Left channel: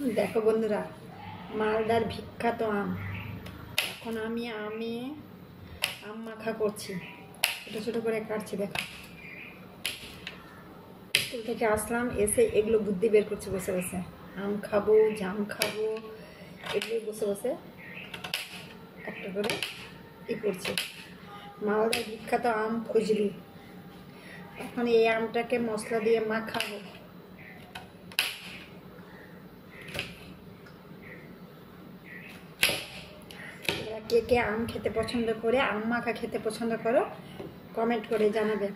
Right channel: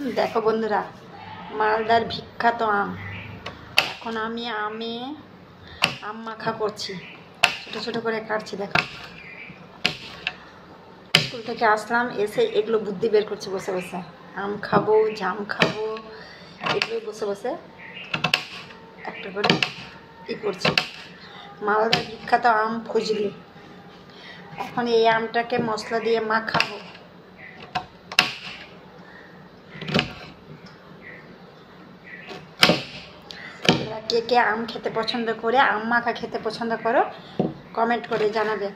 দেখো বন্ধুরা, মালদার বিখ্যাত আম। এখন আমি আম মাখা করছি, ছোট ছোট করে কাটছি। দেখো, স্কুল থেকে আসলাম, এসে এগুলো বুদ্ধি বের করছি বসে বসে। আম খাবো, জাম খাবো, এগুলো বসে বসে একটা করে করছি। মালদার বিখ্যাত আম ফজলি। এখন এই আমটাকে মশলা দিয়ে মাখাবো। কে কে আম খেতে পছন্দ করে, আম মাখা খেতে পছন্দ করো, কমেন্ট করে জানাবে।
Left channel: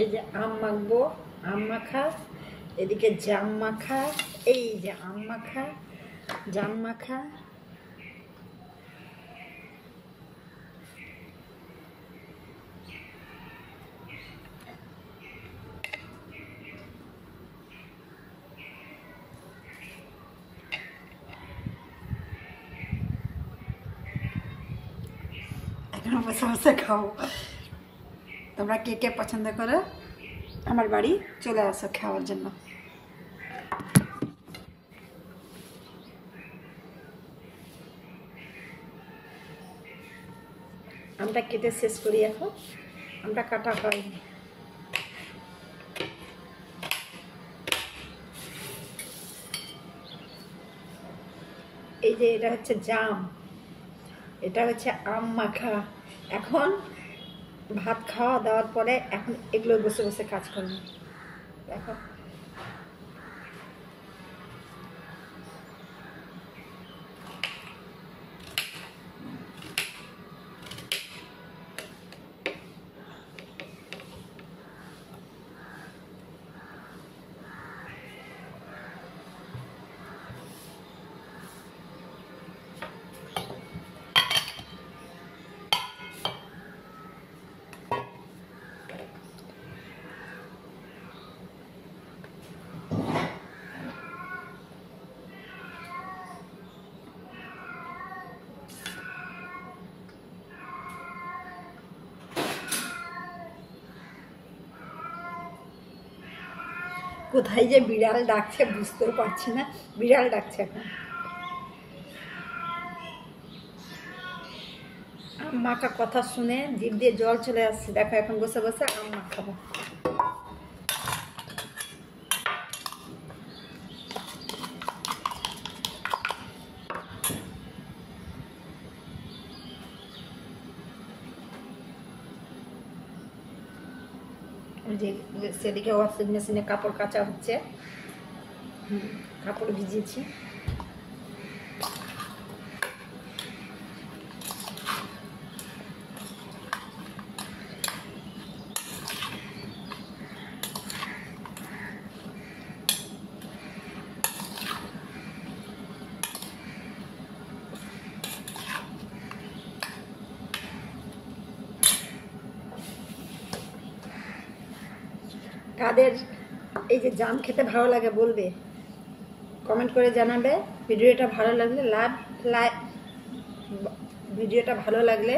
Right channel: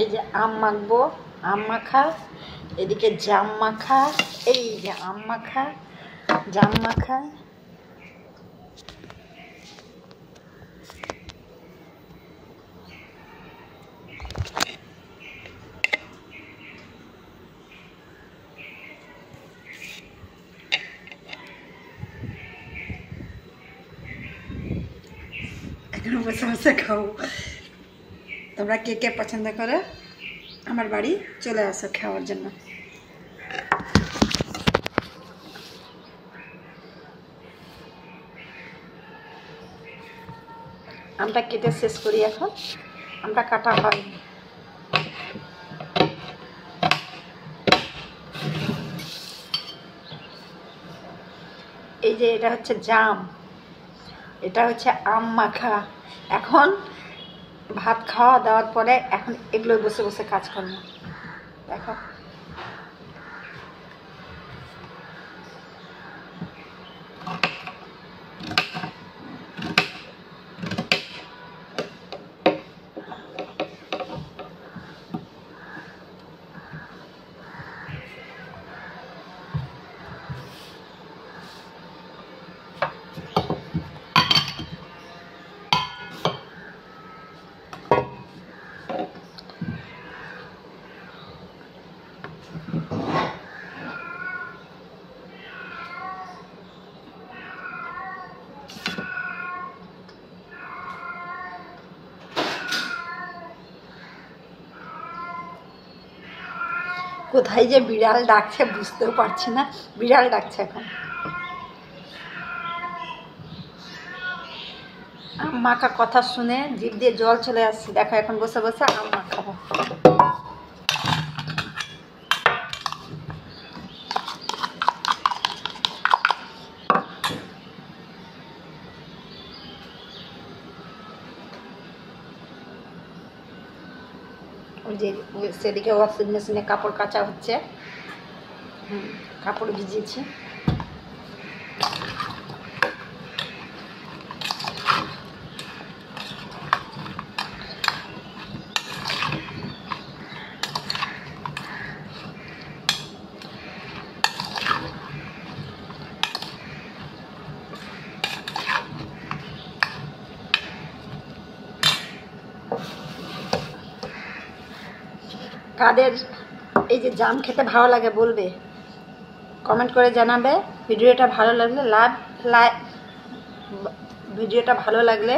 এই যে আম মাখবো, আম মাখা, এদিকে জাম মাখা, এই যে আম মাখা, জাম মাখা। এখন বসে বসে খাবো। তোমরা কে কে পছন্দ করো, আমার বাড়ি চলে আসো খাওয়ার জন্য। আমটা কেটে শেষ করি। এখন আমটা কাটা হয়নি। এই যে এটা হচ্ছে জাম, এটা হচ্ছে আম মাখা। এখন ভাত খাওয়া দাওয়ার পরে এখন এগুলো বসে বসে কাজ করবো। দেখো, কোথায় যে বিড়াল ডাকছে বুঝতেও পারছি না। বিড়াল ডাকছে এখন। আম মাখা কথা শুনে জিভ দিয়ে জল চলে আসছে। দেখো, এখন বসে বসে আম মাখাবো। যে সেদিকে ওয়াশিং মেশিনে কাপড় কাচা হচ্ছে। কাপড় ভিজিয়েছি। কাদের এই যে জাম খেতে ভালো লাগে বলবে, কমেন্ট করে জানাবে। ভিডিওটা ভালো লাগলে ভিডিওটা ভালো লাগলে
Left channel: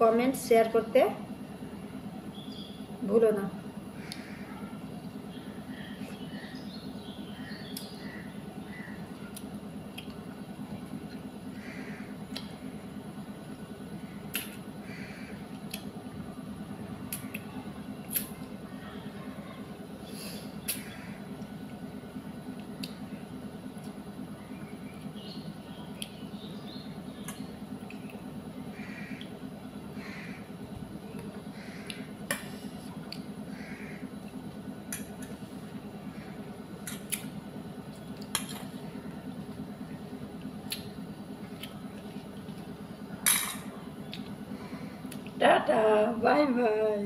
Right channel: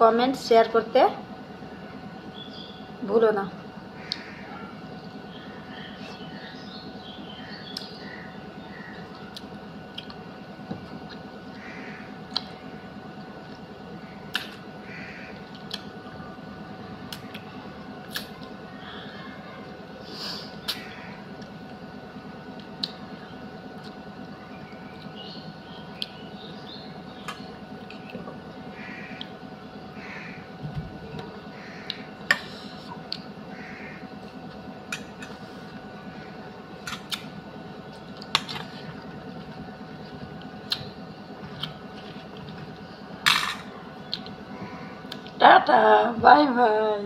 কমেন্ট শেয়ার করতে ভুলো না। Tata, bye bye.